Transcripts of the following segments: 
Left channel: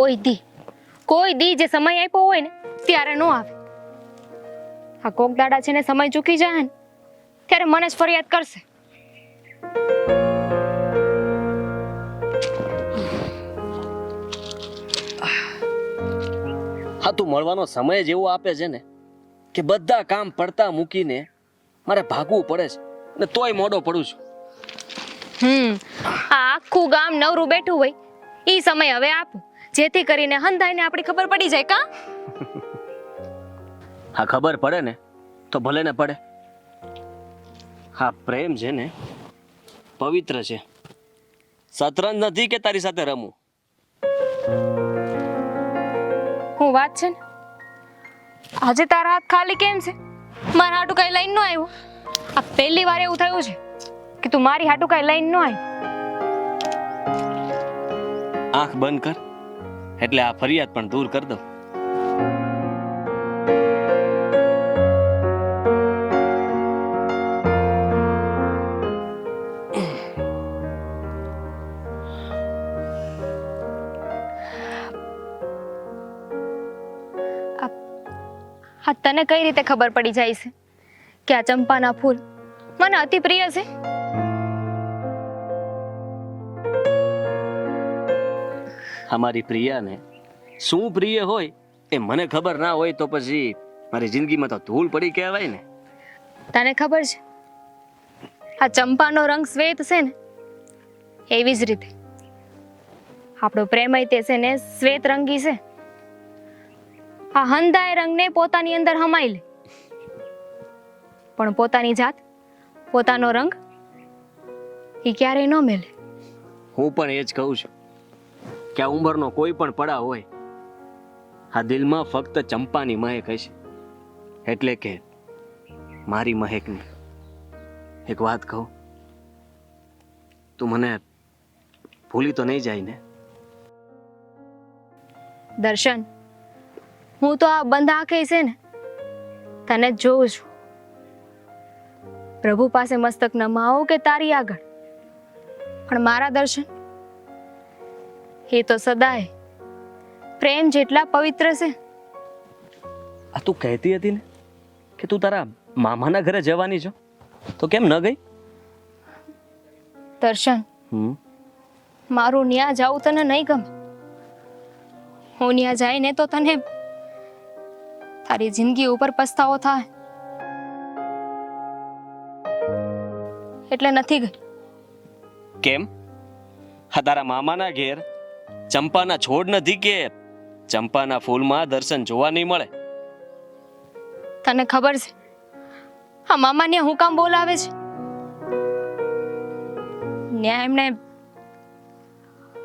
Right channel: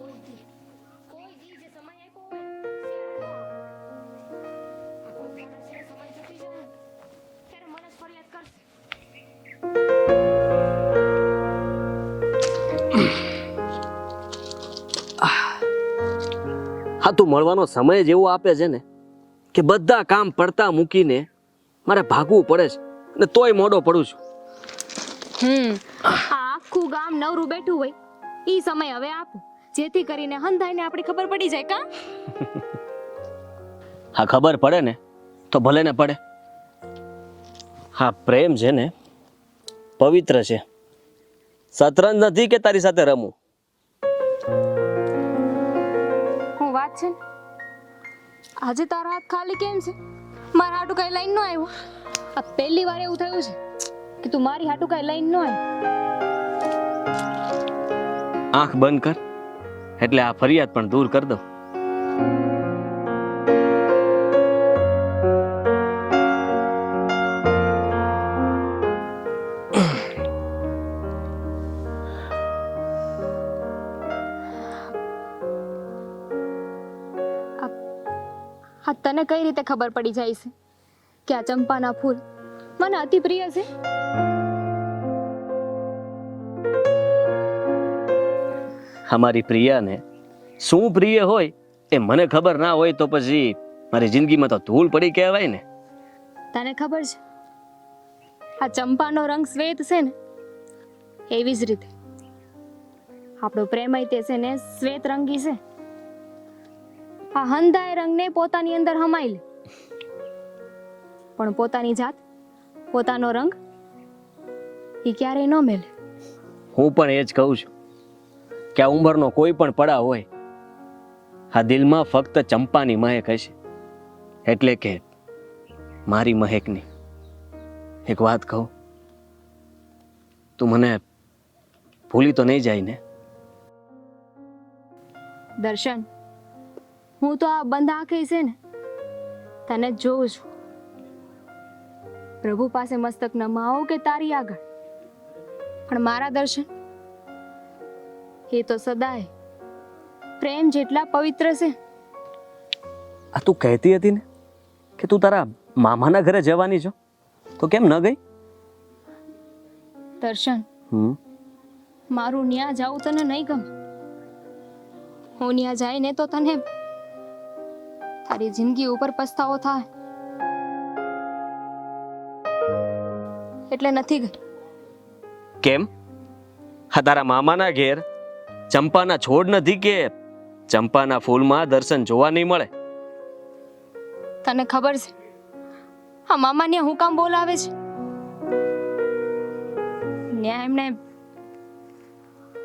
કોઈ દી જે સમય આપ્યો હોય ને ત્યારે નો આવે. આ કોક દાડા છે ને સમય ચૂકી જાય ને ત્યારે મને જ ફરિયાદ કરશે. હા, તું મળવાનો સમય જ એવો આપે છે ને કે બધા કામ પડતા મૂકીને મારે ભાગવું પડે છે ને તોય મોડો પડું છું. આ આખું ગામ નવરું બેઠું હોય ઈ સમય હવે આપું, જેથી કરીને હંધાઈને આપણી ખબર પડી જાય. કા હા, ખબર પડે ને તો ભલે ને પડે. હા, પ્રેમ છે ને પવિત્ર છે. શતરંજ નથી કે તારી સાથે રમું. હું વાત છે ને, આજે તારા હાથ ખાલી કેમ છે? મારા હાટુ કઈ લઈને નો આવ્યો? આ પહેલી વાર એવું થયું છે કે તું મારી હાટુ કઈ લઈને નો આવ્યો. આંખ બંધ કર એટલે આ ફરિયાદ પણ દૂર કરી દઉં. હા, તને કઈ રીતે ખબર પડી જાય છે કે આ ચંપાના ફૂલ મને અતિ પ્રિય છે? અમારી પ્રિયાને શું પ્રિય હોય એ મને ખબર ના હોય તો પછી મારી જિંદગીમાં તો ધૂળ પડી કહેવાય ને. તને ખબર છે આ ચંપાનો રંગ શ્વેત છે ને, એવી જ રીતે આપણો પ્રેમય તે છે ને શ્વેત રંગી છે. આ હંધાય રંગને પોતાની અંદર હમાઈ લે, પણ પોતાની જાત પોતાનો રંગ એ ક્યારેય ન મેલે. હું પણ એ જ કહું છું કે આ ઉંમરનો કોઈ પણ પડાવ હોય, આ દિલમાં ફક્ત ચંપાની મહેક હશે. એટલે કે મારી મહેકની એક વાત કહું, તું મને ભૂલી તો નહીં જાય ને? દર્શન, હું તો આ બંધ આંખે છે ને તને જ જોઉં છું. પ્રભુ પાસે મસ્તક નમાવો કે તારી આગળ, પણ મારા દર્શન એ તો સદાય પ્રેમ જેટલા પવિત્ર છે. આ તું કહેતી હતી ને કે તું તારા મામાના ઘરે જવાની છો, તો કેમ ન ગઈ? દર્શન, મારું ન્યા જાવું તને નહીં ગમે. હું ન્યા જાય ને તો તને તારી જિંદગી ઉપર પસ્તાવો થાય, એટલે નથી ગઈ. કેમ? હા, તારા મામાના ઘેર ચંપાના છોડ નથી કે ચંપાના ફૂલમાં દર્શન જોવા નહીં મળે? તને ખબર છે આ મામાને હું કામ બોલાવે છે? ન્યા એમને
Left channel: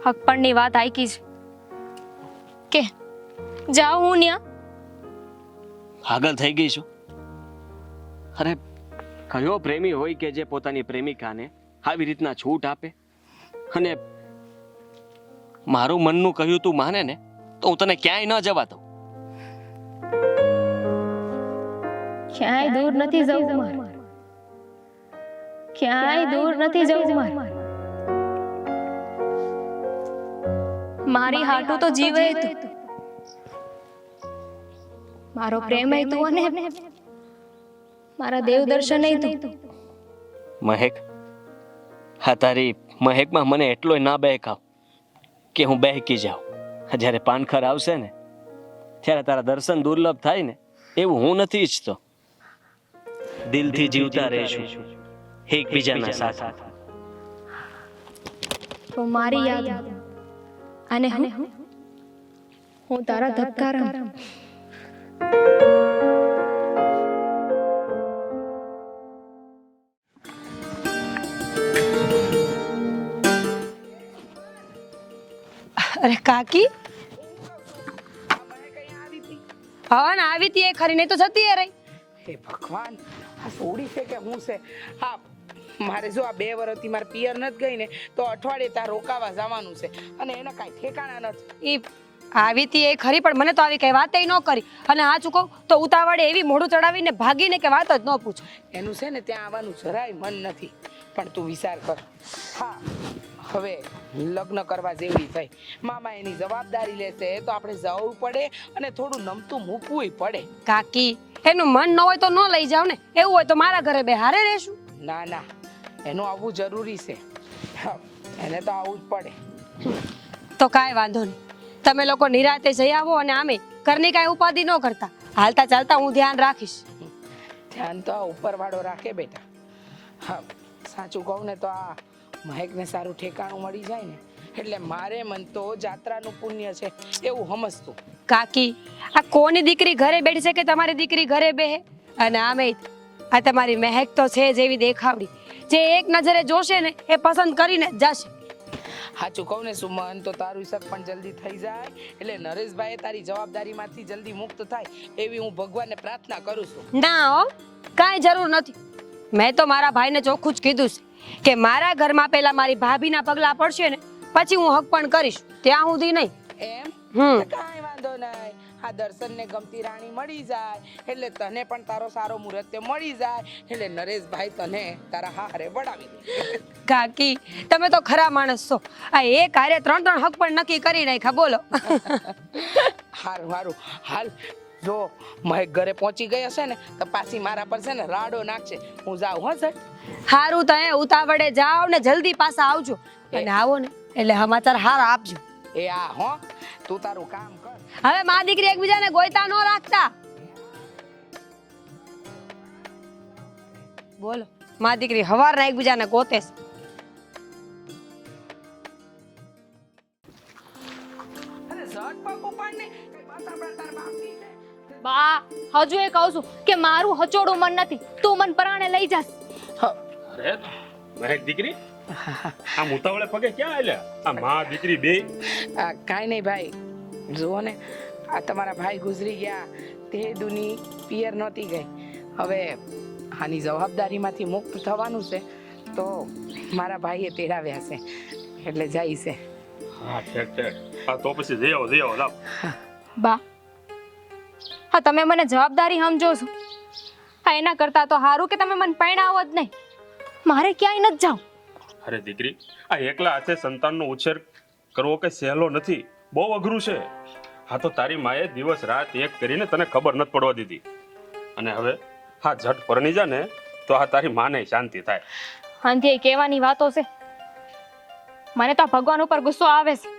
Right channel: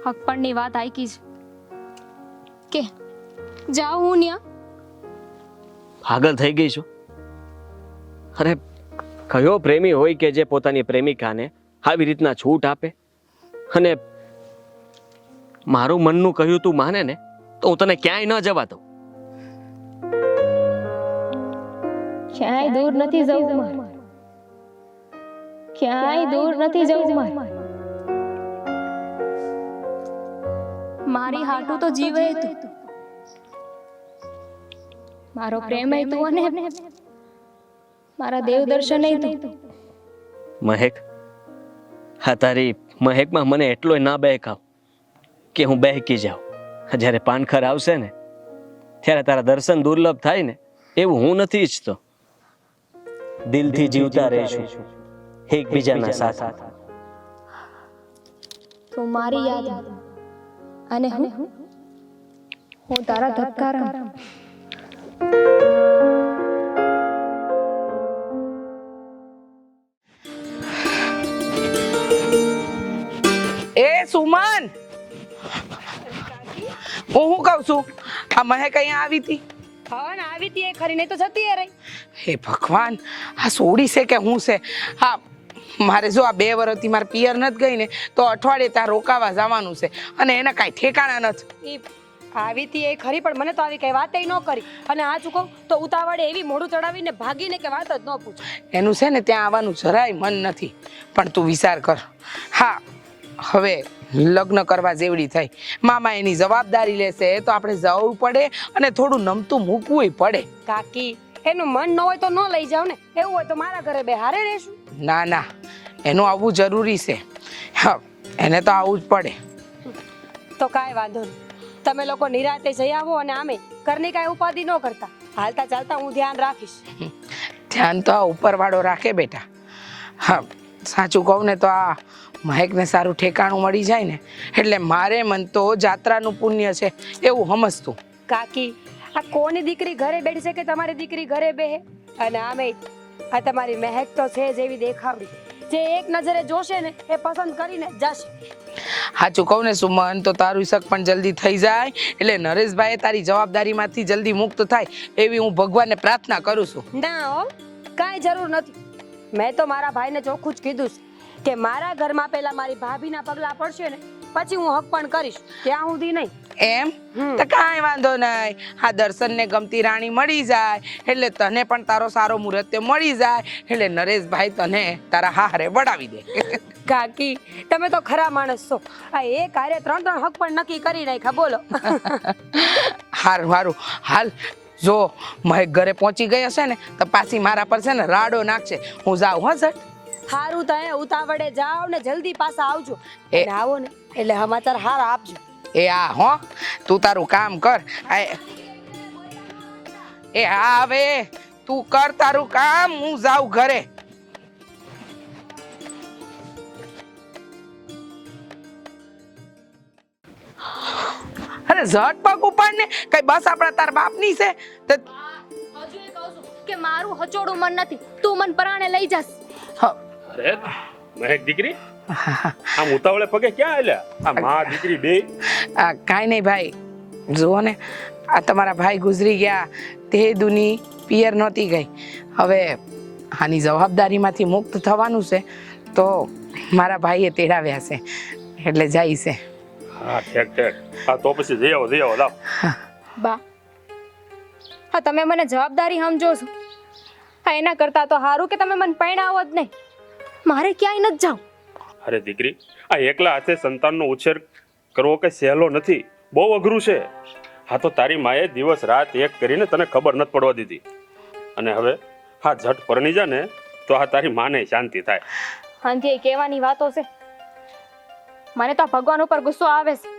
હકપણની વાત આઈકી છે કે જાઉં હું ન્યા. પાગલ થઈ ગઈ છું? અરે, કયો પ્રેમી હોય કે જે પોતાની પ્રેમિકાને આવી રીતના છૂટ આપે? અને મારું મનનું કહ્યું તું માને ને તો હું તને ક્યાંય ન જવા દઉં. ક્યાંય દૂર નથી જવું મારે, ક્યાંય દૂર નથી જવું મારે. મારી હાટું તો જીવે તું, મારો પ્રેમ તું અને મારા દેવ દર્શન તું. મહેક, હા, તારી મહેકમાં મને એટલોય ના બહેકાવ કે હું બહેકી જાઉં. જ્યારે પાનખર આવશે ને ત્યારે તારા દર્શન દુર્લભ થાય ને એવું હું નથી ઈચ્છતો. દિલથી જીવતા રહીશું એકબીજાના સાથ. તું મારી યાદ અને હું તારા ધબકારા. એ સુમન, અરે કાકી, હું કહું છું, આ મહેક અહીંયા આવી હતી? હા ને આવી તી એ ખરી, નહીં તો જતી રહી. હે ભગવાન, આ સોડી છે કે હું છે? હા, મારે જો આ 2 વર્ષથી મારે પિયર નથી ગઈ ને તો અઠવાડિયે ત્યાં રોકાવા જવાનું છે અને એને કાંઈ ઠેકાણા નથી. આવી હતી એ ખરી, પણ મને તો આવી કઈ વાતે ન કરી. અને આ ચૂકો તો ઉતાવળે એવી મોઢું ચડાવીને ભાગીને કે વાત જ ન પૂછો. એનું છે ને ત્યાં આવવાનું જરાય મન નથી. પણ તું વિચાર કર. હા, હવે લગ્ન કરવા જેવડી થઈ, મામા એની જવાબદારી લેશે તો આપણે જવું પડે અને થોડું નમતું મૂકવું પડે. કાકી, એનું મન ન હોય તો ન લઈ જાવ ને. એવું હોય તો મારા ઘરે બે હારે રહેશું. ના ના, એનું આવવું જરૂરી છે. હા, એને તો આવવું જ પડે. તો કાંઈ વાંધો નહીં, તમે લોકો નિરાતે જઈ આવો. અને આમે ઘરની કાંઈ ઉપાધિ ન કરતા, હાલતા ચાલતા હું ધ્યાન રાખીશ. ધ્યાન તો આ ઉપરવાળો રાખે બેટા. હા, સાચું કહું ને તો આ મહેકને સારું ઠેકાણું મળી જાય ને એટલે મારે મન તો જાત્રાનું પુણ્ય છે એવું સમજતું. કાકી, આ કોની દીકરી ઘરે બેઠી છે કે તમારી દીકરી ઘરે બેહે? અને આમે આ તમારી મહેક તો છે જેવી દેખાવડી, જે એક નજરે જોશે ને એ પસંદ કરીને જ જશે. સાચું કહું ને સુમન, તો તારું શક પણ જલ્દી થઈ જાય એટલે નરેશભાઈ તારી જવાબદારીમાંથી જલ્દી મુક્ત થાય એવી હું ભગવાનને પ્રાર્થના કરું છું. ના હો, કાંઈ જરૂર નથી. મેં તો મારા ભાઈને ચોખ્ખું જ કીધું છે કે મારા ઘરમાં પહેલા મારી ભાભીના પગલા પડશે ને પછી હું હક પણ કરીશ, ત્યાં સુધી નહીં. એમ તો કાંઈ વાંધો નહીં. આ દર્શનને ગમતી રાણી મળી જાય એટલે તને પણ તારો સારો મુહૂર્ત મળી જાય એટલે નરેશભાઈ તને તારા હારે વડાવી દે. કાકી, તમે તો ખરા માણસ છો. આ એક હારે 3 હક પણ નક્કી કરી નાખ્યા. બોલો. હારું હારું હાલ. જો મહેક ઘરે પહોંચી ગઈ હશે ને તો પાછી મારા પર છે ને રાડો નાખશે. હું જાઉં. હા સર. હારું, તો ઉતાવળે જાઓ ને જલ્દી પાછા આવજો. અને આવો ને એટલે સમાચાર હારા આપજો. એ હા હો, તું તારું કામ કર. હવે મા દીકરી એકબીજાને ગોઈતા ન રાખતા. એ હા, હવે તું કર તારું કામ, હું જાઉં ઘરે. બોલો, મા દીકરી હવારના એકબીજાને ગોતે છે. અરે ઝટ પગ ઉપાડ ને, કઈ બસ આપણા તાર બાપની છે તે. બા, હજુ એ કહું છું કે મારું હચોડું મન નથી, તું મન પરાણે લઈ જસ. અરે મહેક દીકરી, આમ ઉતાવળે પગે ક્યાં આલ્યા? આ માં દીકરી બે? કાંઈ નહીં ભાઈ, જુઓ ને આ તમારા ભાઈ ગુજરી ગયા તે દુની પિયર નહોતી ગઈ. હવે આની જવાબદારીમાંથી મુક્ત થવાનું છે તો મારા ભાઈએ તેડાવ્યા છે એટલે જાય છે. હા ઠેક ઠેક. હા તો પછી જઈ આવો લાવ. બા, હા તમે મને જવાબદારી સમજો છો. હા, એના કરતા તો સારું કે તમે મને પરણાવો જ નહીં. મારે ક્યાંય નથી જાવ. અરે દીકરી, આ એકલા હાથે સંતાનનો ઉછેર કરવો કઈ સહેલો નથી, બહુ અઘરું છે. હા તો તારી માએ દિવસ રાત એક કરીને તને ખબર નથી પડવા દીધી. અને હવે હા ઝટ પરણી જા ને તો આ તારી માને શાંતિ થાય. આંધી કહેવાની વાતો છે. મને તો ભગવાન ઉપર ગુસ્સો આવે છે.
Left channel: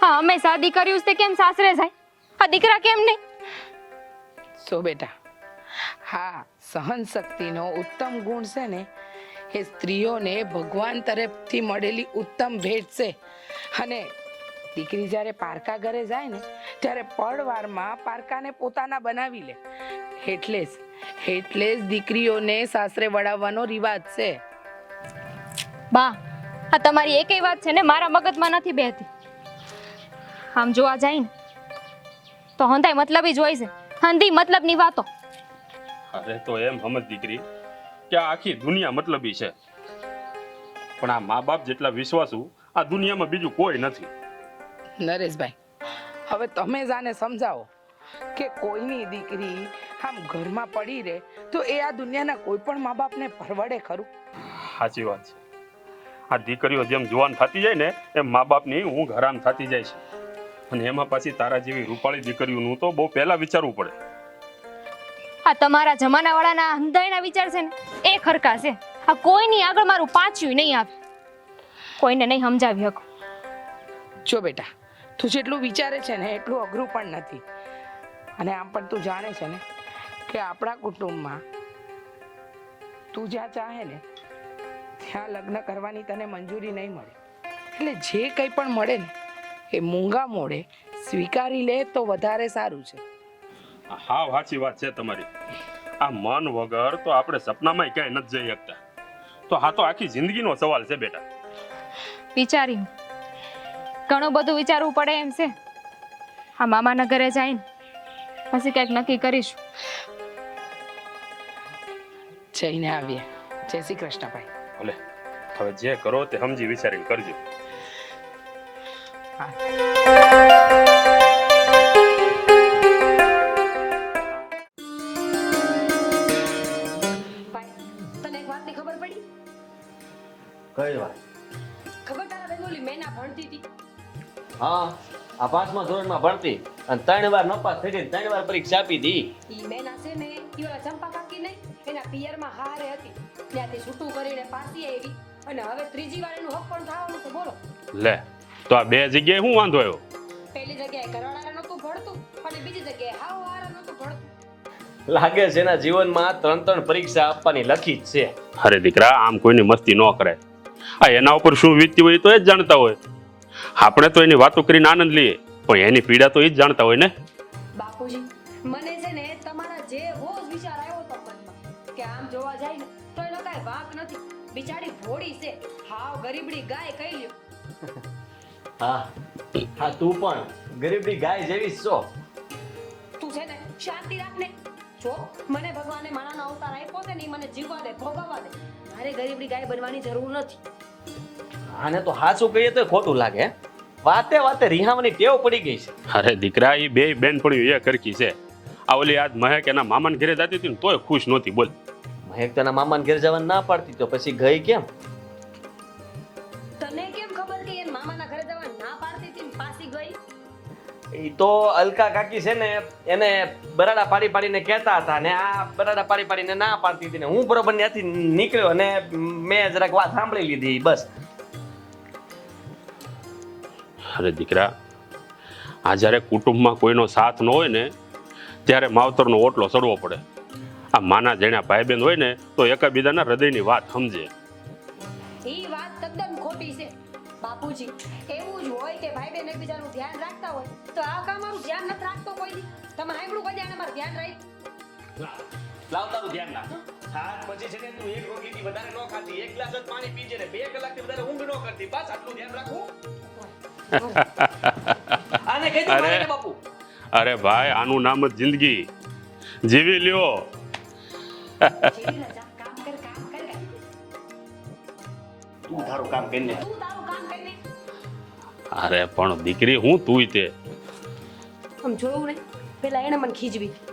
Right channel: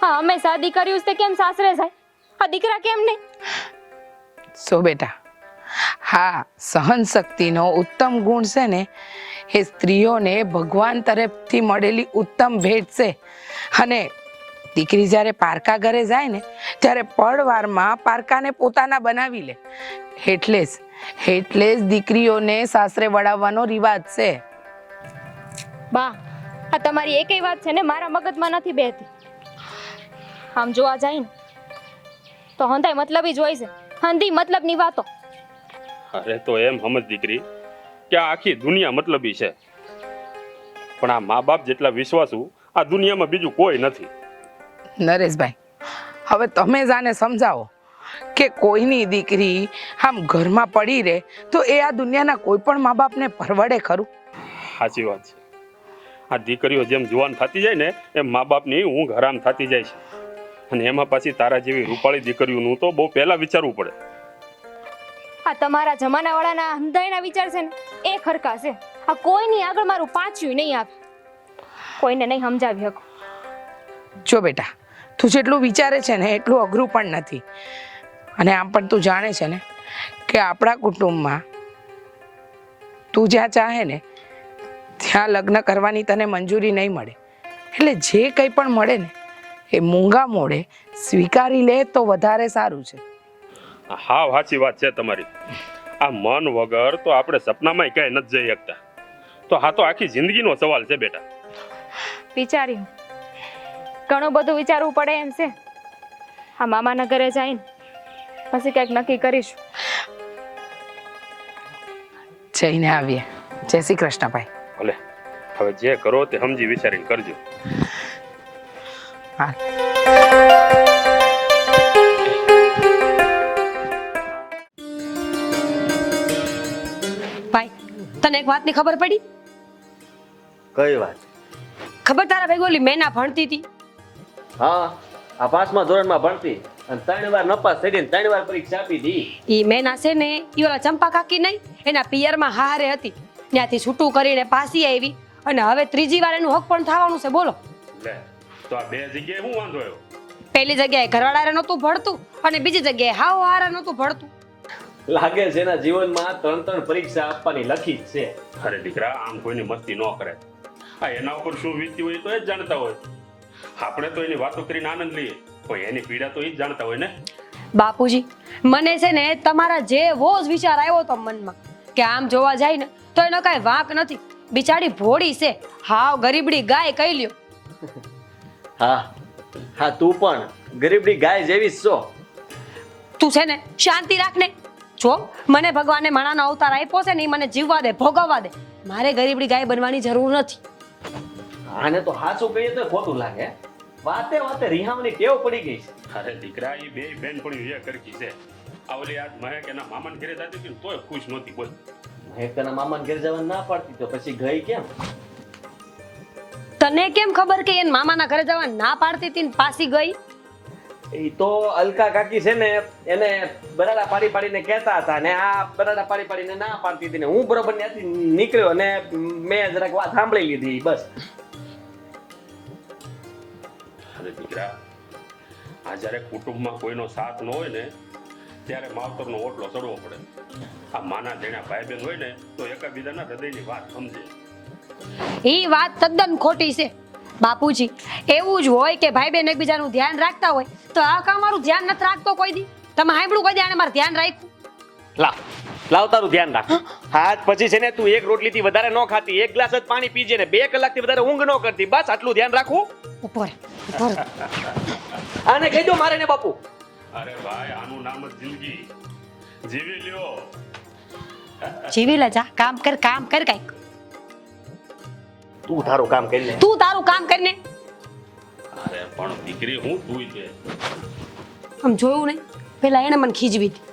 હા, અમે શાદી કર્યું છે કેમ સાસરે જાય? આ દીકરા કેમ નહીં? સો બેટા, હા સહન શક્તિનો ઉત્તમ ગુણ છે ને એ સ્ત્રીઓને ભગવાન તરફથી મળેલી ઉત્તમ ભેટ છે. અને દીકરી જ્યારે પારકા ઘરે જાય ને ત્યારે પડવારમાં પારકાને પોતાના બનાવી લે. એટલે જ દીકરીઓને સાસરે વળાવવાનો રિવાજ છે. બા, આ તમારી એકેય વાત છે ને મારા મગજમાં નથી બેહતી. આમ જોવા જાય ને તો હંધાય મતલબી જ હોય છે. હંધી મતલબની વાતો. અરે તો એમ સમજ દીકરી કે આ આખી દુનિયા મતલબી છે, પણ આ મા બાપ જેટલા વિશ્વાસુ આ દુનિયામાં બીજું કોઈ નથી. નરેશભાઈ, હવે તમે જ આને સમજાવો કે કોઈની દીકરી આમ ઘરમાં પડી રહે તો એ આ દુનિયાના કોઈ પણ મા બાપને પરવડે ખરું? સાચી વાત છે. આ દીકરીઓ જેમ જુવાન થતી જાય ને એમ મા બાપની ઊંઘ હરામ થતી જાય છે. અને એમાં પાછી તારા જેવી રૂપાળી દીકરીઓનું તો બહુ પહેલા વિચારવું પડે. આ તમારા જમાનાવાળાના હંધાયના વિચાર છે ને એ ખરખા છે. આ કોઈની આગળ મારું પાછું નહીં આવે. કોઈને નહીં સમજાવી શકો. જો બેટા, તું જેટલું વિચારે છે ને એટલું અઘરું પણ નથી. અને આમ પણ તું જાણે છે ને કે આપણા કુટુંબમાં તું જ્યાં ચાહે ને ત્યાં લગ્ન કરવાની તને મંજૂરી નહીં મળે. એટલે જે કંઈ પણ મળે ને એ મૂંગા મોડે સ્વીકારી લે તો વધારે સારું છે. હા સાચી વાત છે તમારી. આ મન વગર તો આપણે સપનામાં ક્યાંય નથી જઈ શકતા. તો હા તો આખી જિંદગીનો સવાલ છે બેટા. વિચાર્યું, ઘણું બધું વિચારવું પડે એમ છે. હા, મામાના ઘરે જઈને પછી કંઈક નક્કી કરીશું. જઈને આવીએ. જય શ્રી કૃષ્ણ ભાઈ. ભલે, હવે જે કરો તે સમજી વિચારીને કરજો. હા. એક વાતની ખબર પડી? કઈ વાત? ખબર તારા ભેગી ઓલી મેના ભણતી હતી? હા, આ 5મા ધોરણમાં ભણતી અને 3 વાર નપાસ થઈ ગઈ, 3 વાર પરીક્ષા આપી દી. ઈ મેના છે ને ઈ ઓલા ચંપા કાકી નહીં, એના પિયરમાં હારે હતી, ત્યાંથી છૂટું કરીને પાછી આવી અને હવે ત્રીજી વાર એનું હક પણ થવાનું છે. બોલો, લે તો આ 2 જગ્યાએ શું વાંધો આવ્યો? પહેલી જગ્યાએ ઘરવાળારે નહોતું ભણતું અને બીજી જગ્યાએ હાવ હારા નહોતું ભણતું. લાગે છે એના જીવનમાં 3 પરીક્ષા આપવાની લખી જ છે. અરે દીકરા, આમ કોઈની મસ્તી ન કરે. આ એના ઉપર શું વીતતી હોય તો એ જ જાણતા હોય. આપણે તો એની વાતો કરીને આનંદ લઈએ, પણ એની પીડા તો એ જ જાણતા હોય ને. બાપુજી, મને છે ને તમારા જેવો જ વિચાર આવ્યો તો મનમાં કે આમ જોવા જાય ને તો એનો કાંઈ વાંક નથી. બિચારી ભોળી છે, હાવ ગરીબડી ગાય કહી લ્યો. હા હા, તું પણ ગરીબની ગાય જેવી જ છો. તું છે ને શાંતિ રાખ ને. જો મને ભગવાને માણાનો અવતાર આપ્યો છે ને, ઈ મને જીવવા દે, ભોગવવા દે. મારે ગરીબડી ગાય બનવાની જરૂર નથી. આને તો હાચું કહીએ તો ખોટું લાગે. વાતે વાતે રિહાવાની ટેવ પડી ગઈ છે. અરે દીકરા, એ બે બેનપણીઓ એ કરકી છે. આ ઓલી આજ મહેક એના મામાને ઘરે જતી હતી ને તોય ખુશ નહોતી. બોલ, મહેક તને મામાને ઘેર જવાનું ના પાડતી તો પછી ગઈ કેમ? તને કેમ ખબર કે એને મામાના ઘરે જવા ના પાડતી હતી ને પાછી ગઈ? એ તો અલકા કાકી છે ને, એને બરાડા પાડી પાડીને કહેતા હતા ને આ બરાડા પાડી પાડીને ના પાડતી હતી ને હું બરોબર ત્યાંથી નીકળ્યો ને મેં જરાક વાત સાંભળી લીધી બસ. અરે દીકરા, આ જ્યારે કુટુંબમાં કોઈનો સાથ ન હોય ને ત્યારે માવતરનો ઓટલો ચડવો પડે. આ માના જેણા ભાઈ બહેન હોય ને તો એકબીજાના હૃદયની વાત સમજે. ઈ વાત તદ્દન ખોટી છે બાપુજી. એવું જ હોય કે ભાઈ બહેન એકબીજાનું ધ્યાન રાખતા હોય તો આ કામ મારું ધ્યાન નથી રાખતો કોઈ દી. તમે સાંભળ્યું કોઈ દી આને મારું ધ્યાન રાખ્યું? લાવ તારું ધ્યાન રાખ. હાથ પછી છે ને તું એક રોટલીથી વધારે ન ખાતી, 1 ગ્લાસ જ પાણી પીજે ને 2 કલાકથી વધારે ઊંઘ ન કરતી. બસ આટલું ધ્યાન રાખવું. ઉપર ઉપર. આને કહી દો મારે ને બાપુ. અરે ભાઈ, આનું નામ જ જિંદગી. જીવી લ્યો. જીવી લે જા. કામ કર કાંઈક. તું તારું કામ કરી લે. તું તારું કામ કરીને. અરે પણ દીકરી, હું તુંય તે. આમ જોયું નહીં, પેલા એને મને ખીજવી હતી.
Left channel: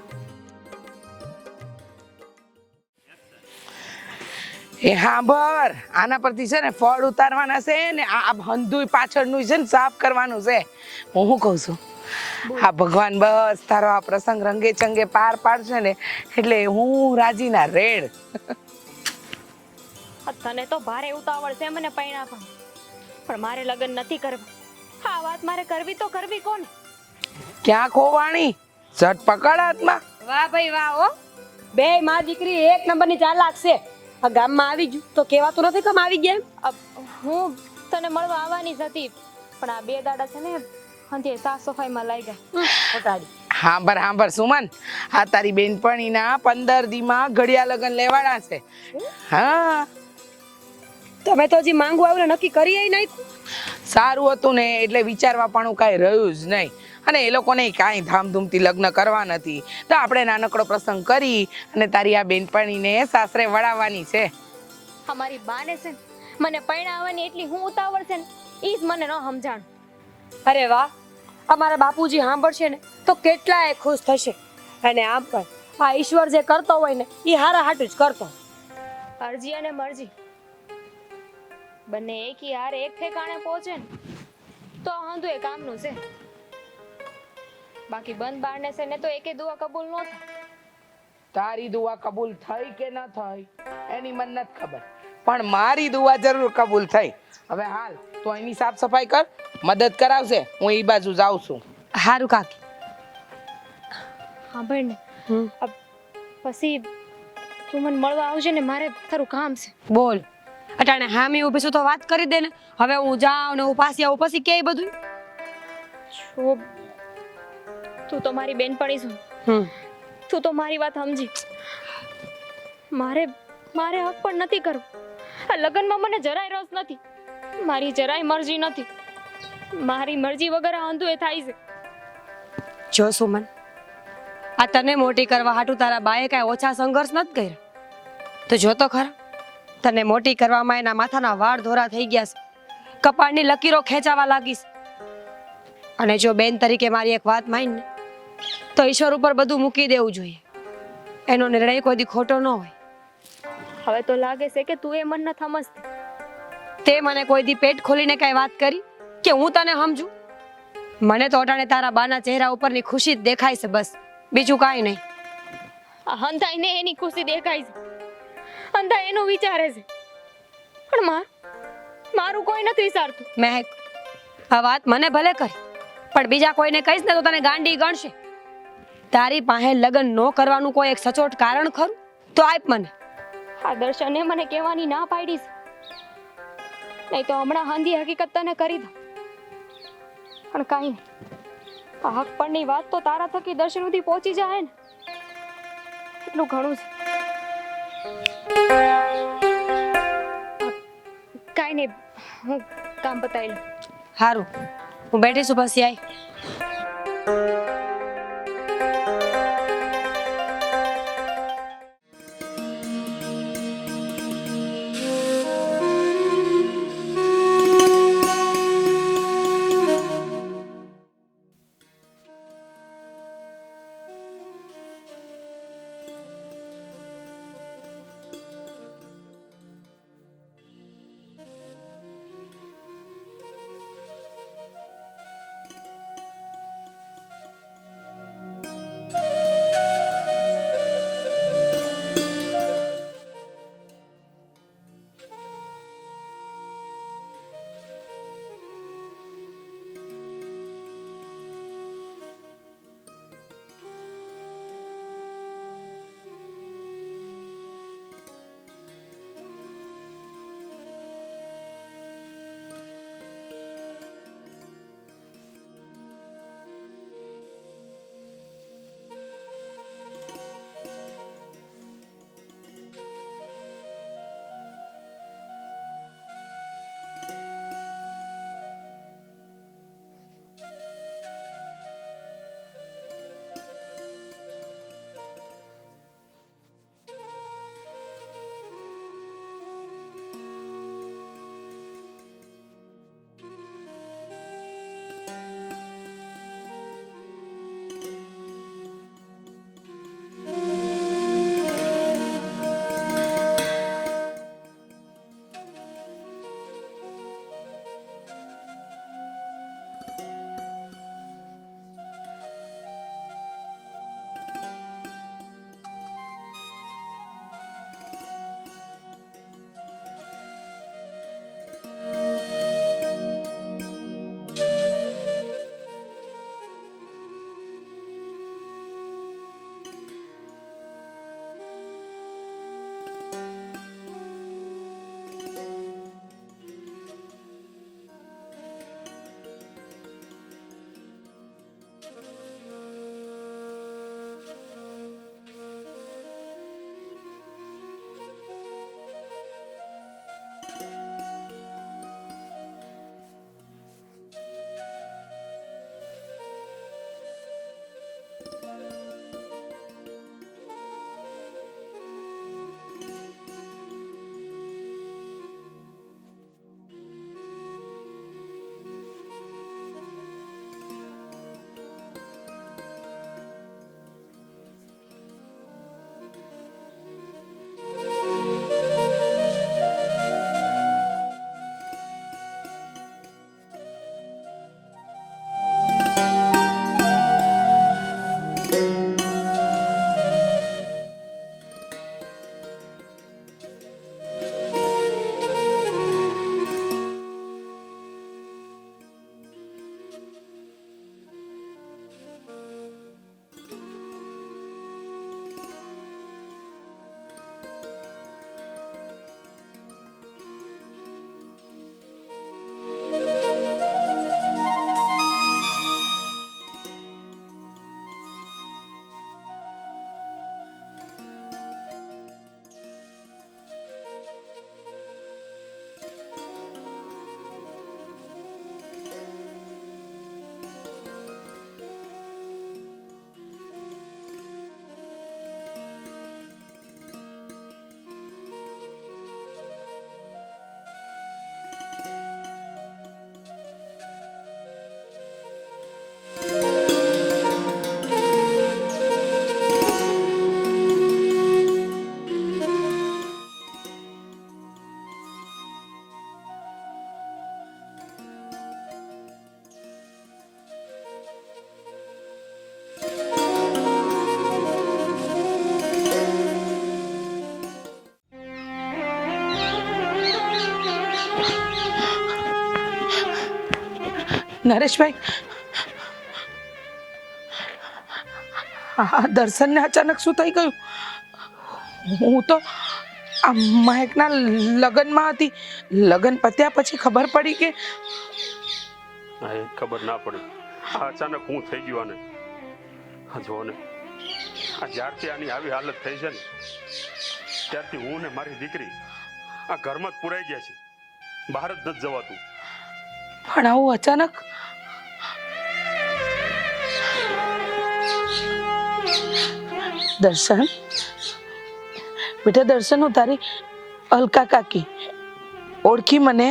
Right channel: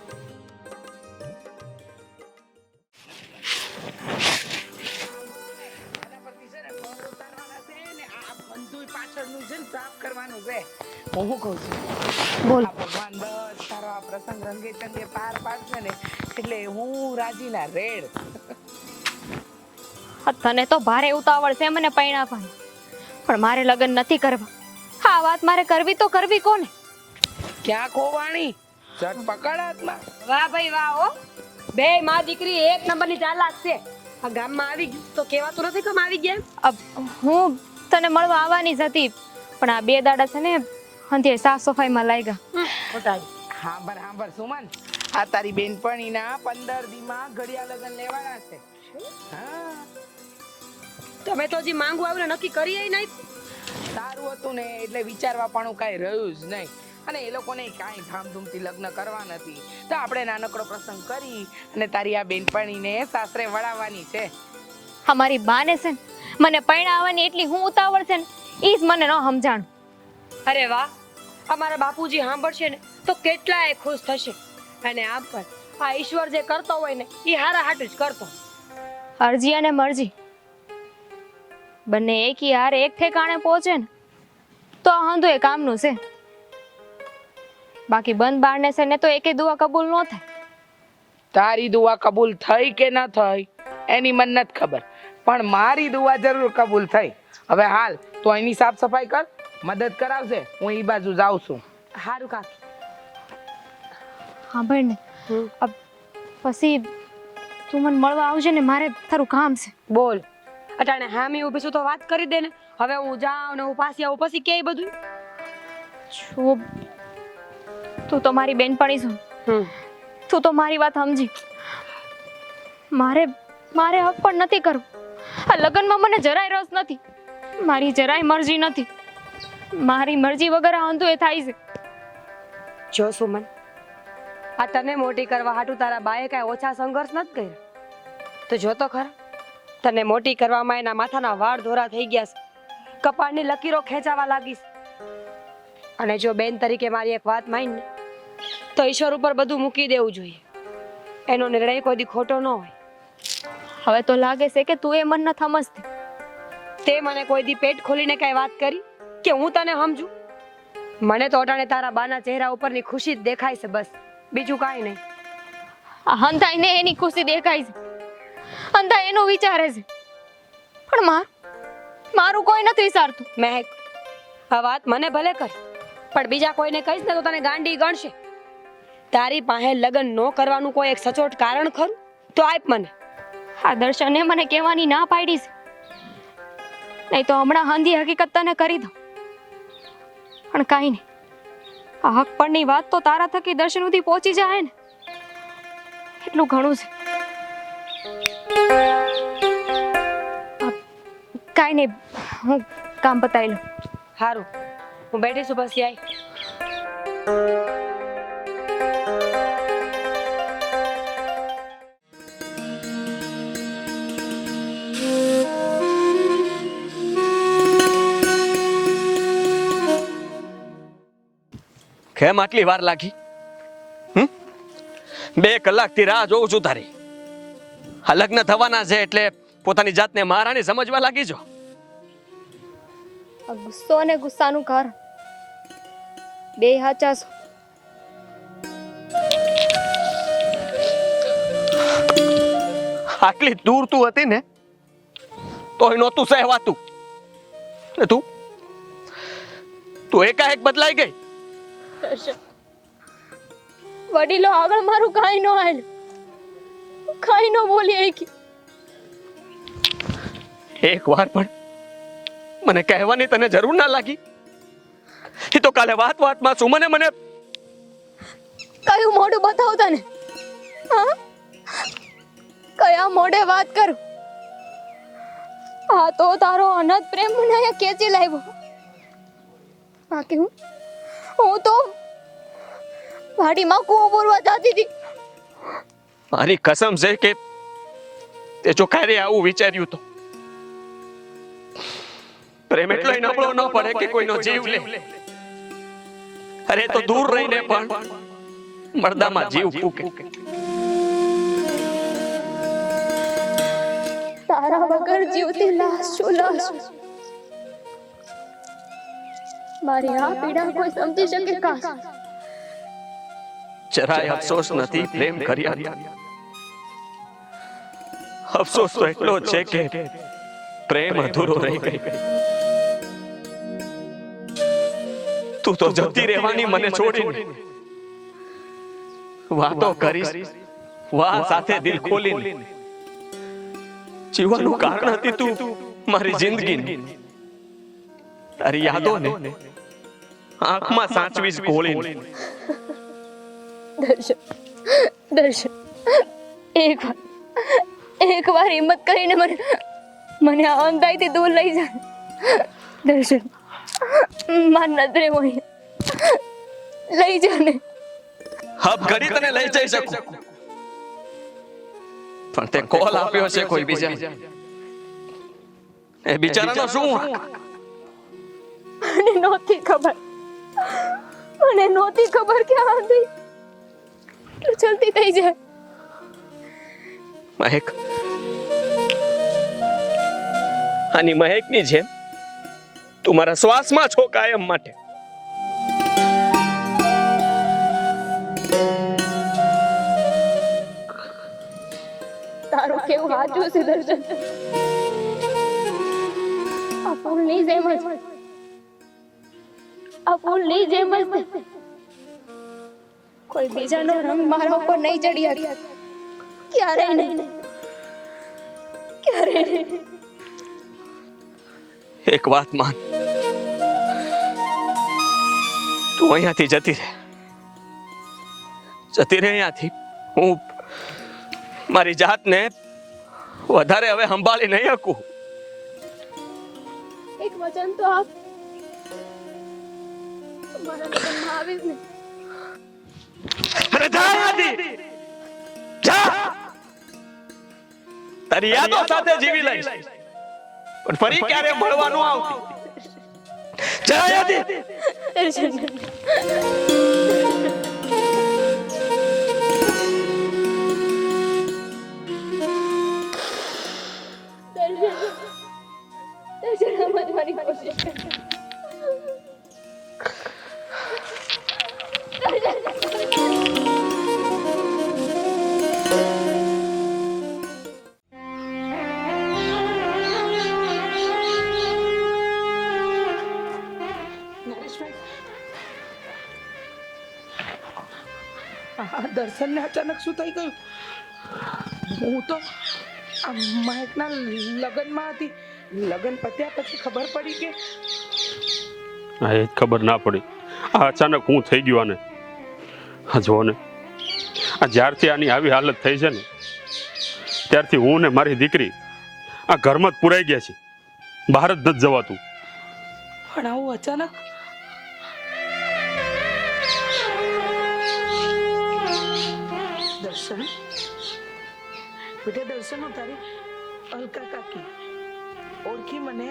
એ હાંભર, આના પરથી છે ને ફળ ઉતારવાના છે ને આ હંધુય પાછળનું છે ને સાફ કરવાનું છે. હું કહું છું, આ ભગવાન બસ તારો આ પ્રસંગ રંગે ચંગે પાર પાડશે ને એટલે હું રાજીના રેડ. તને તો ભારે ઉતાવળ છે મને પૈણાવાની, પણ મારે લગ્ન નથી કરવા. આ વાત મારે કરવી તો કરવી કોને? ક્યાં ખોવાણી? ઝટ પકડ હાથમાં. વાહ ભાઈ વાહ હો. બે માં દીકરી એક નંબરની ચાલાક છે. આ ગામમાં આવી ગયું તો કહેવાતું નથી કે આવી ગયા. હું તને મળવા આવવાની જ હતી, પણ આ 2 દાડા છે ને હંધે સાફ સફાઈમાં લાગ્યા. હાંભર સુમન, આ તારી બેનપણીના 15 દીમાં ઘડિયા લગન લેવાના છે. હા, તમે તો હજી માંગુ આવ્યું ને નક્કી કરી નહીં. સારું હતું ને એટલે વિચારવા પણ કાંઈ રહ્યું જ નહીં. અને એ લોકોને કાંઈ ધામધૂમથી લગ્ન કરવા નથી તો આપણે નાનકડો પ્રસંગ કરી અને તારી આ બેનપણીને સાસરે વળાવવાની છે. અમારી બાને છે ને મને પૈણા આવવાની એટલી હું ઉતાવળ છે ને ઈ જ મને ન સમજાણું. અરે વાહ, અમારા બાપુજી સાંભળશે ને તો કેટલાય ખુશ થશે. અને આમ પણ આ ઈશ્વર જે કરતો હોય ને એ હારા હાટું જ કરતો. અરજી અને મરજી બંને એકી હારે એક ઠેકાણે પહોંચે ને તો આ હંધું એ કામનું છે. બાકી બંધ બારને છે ને તો એકે દુઆ કબૂલ ન થાય. તારી દુઆ કબૂલ થઈ કે ના થઈ એની મને નથી ખબર, પણ મારી દુઆ જરૂર કબૂલ થઈ. હવે હાલ તો એની સાફ સફાઈ કર, મદદ કરાવશે, હું એ બાજુ જાઉં છું. હારું કાકી. હા ભાઈ ને પછી તું મને મળવા આવજે ને, મારે તારું કામ છે. બોલ, અટાણે હામી ઊભી છું તો વાત કરી દે ને. હવે હું જાઉં ને હું પાછી આવું પછી કે બધું. શું તું તો મારી બેનપણી છું, તું તો મારી વાત સમજી. મારે હક પણ નથી કરવું. આ લગ્નમાં મને જરાય રસ નથી, મારી જરાય મરજી નથી. મારી મરજી વગર આ અંધું એ થાય છે. જો સુમન, આ તને મોટી કરવા હાટુ તારા બાએ કાંઈ ઓછા સંઘર્ષ નથી કર્યો. તો જો તો ખરા, તને મોટી કરવામાં એના માથાના વાળ ધોરા થઈ ગયા છે, કપાળની લકીરો ખેંચાવા લાગીશ. અને જો બેન તરીકે મારી એક વાત માન ને તો ઈશ્વર ઉપર બધું મૂકી દેવું જોઈએ. એનો નિર્ણય કોઈ દી ખોટો ન હોય. હવે તો લાગે છે કે તું એ મન ન સમજતી. તે મને કોઈ દી પેટ ખોલીને કઈ વાત કરી કે હું તને સમજુ? મને તો અટાણે તારા બાના ચહેરા ઉપરની ખુશી જ દેખાય છે, બસ બીજું કાંઈ નહીં. આ હંધાઈને એની ખુશી દેખાય છે, હંધા એનું વિચારે છે, પણ મારું કોઈ નથી વિચારતું. મહેક, આ વાત મને ભલે કર, પણ બીજા કોઈને કહીશ ને તો તને ગાંડી ગણશે. તારી પાસે લગ્ન ન કરવાનું કોઈ એક સચોટ કારણ ખરું તો આપ મને. આ દર્શને મને કહેવાની ના પાડી છે, નહીં તો હમણાં હંધી હકીકત તને કરી દઉં. પણ કાંઈ નહીં, આ હક પરની વાત તો તારા થકી દર્શન સુધી પહોંચી જાય ને, એટલું ઘણું છે. કાંઈ નહીં, હું કામ પતાવી લઉં. સારું, હું બેઠી છું, પછી આય. કેમ આટલી વાર લાગી? 2 કલાકથી રાહ જોઉં છું તારી. આ લગ્ન થવાના છે એટલે પોતાની જાતને મહારાણી સમજવા લાગી છો. આ ગુસ્સો અને ગુસ્સાનું કારણ બે હાચા છો. આટલી દૂર તું હતી ને તોય નહોતું સહેવાતું. ને તું એકાએક બદલાઈ ગઈ. વડીલો આગળ મારું કાંઈ ન હાલ, કાંઈ ન બોલી એકી. એક વાર પણ મને કહેવાની તને જરૂર ના લાગી? એ તો કાલે વાતમાં સુમને મને કયું મોઢું બતાવ તને? હા, કયા મોઢે વાત કરું? આ તો તારો અનંત પ્રેમ મને અહીંયા ખેંચી લાવ્યો. બાકી હું તો વાડીમાં કૂવો બોરવા જતી હતી. મારી કસમ છે કે તે જો ક્યારે આવું વિચાર્યું તો પ્રેમ એટલો નબળો ન પડે કે કોઈનો જીવ લે. અરે તો દૂર રહીને પણ મરદામાં જીવ ફૂકે. તારા વગર જીવતી લાશ છું, લાશ. મારી આ પીડા કોઈ સમજી શકે કાશ. જરાય અફસોસ નથી પ્રેમ કર્યા. અફસોસ તો એટલો જ છે કે પ્રેમ અધૂરો રહી ગઈ. તું તો જતી રહેવાની મને છોડીને વાતો કરીશ, વાહ સાથે દિલ ખોલીને. જીવવાનું કારણ હતી તું મારી જિંદગીની. તારી યાદોને આંખમાં સાચવીશ ગોળીને. દર્શન, એક વાર હિંમત કરીને મને આ અંધાઈથી દૂર લઈ જા. દર્શન, માર નજરે હોય લઈ જા ને. હબ ઘડી તને લઈ જઈ શકું, પણ તે કોલ આપ્યો છે કોઈ બીજા. એ બિચારાનો શું વાંક? મને નહોતી ખબર કે આ અંધાઈ એટલું જલ્દી થઈ જાય. મહેક, આની મહેકની જેમ તું મારા શ્વાસમાં છો કાયમ માટે. તારું કેવું સાચું છે દર્શન. આ ફૂલની જેમ જ છે. કોઈ બીજાનો રંગ મારા ઉપર નહીં ચડી શકે, ક્યારેય નહીં. એક વાત માન, તું અહીંયાથી જતી રહે અહીંયાથી. હું મારી જાતને વધારે હવે સંભાળી નહીં શકું. એક વચન તો આપ. તમારા લગ્નમાં આવીશ ને. અરે જા અહીંયાથી, જા. તારી યાદો સાથે જીવી લઈશ, પણ ફરી ક્યારે મળવાનું આવતી. જા અહીંયાથી. તમારી કોશિશ કરજો. નરેશભાઈ, આ દર્શનને અચાનક શું થઈ ગયું? હું તો આ મહેકના લગ્નમાં હતી. લગ્ન પત્યા પછી ખબર પડી કે હા, એ જ ખબર ના પડી. આ અચાનક હું થઈ ગયો આને. હા જો ને, આ જ્યારથી આની આવી હાલત થઈ છે ને ત્યારથી હું ને મારી દીકરી આ ઘરમાં જ પુરાઈ ગયા છે. બહાર જ નથી જવાતું. પણ આવું અચાનક? દર્શન બેટા, દર્શન, હું તારી અલકા કાકી. ઓળખી મને?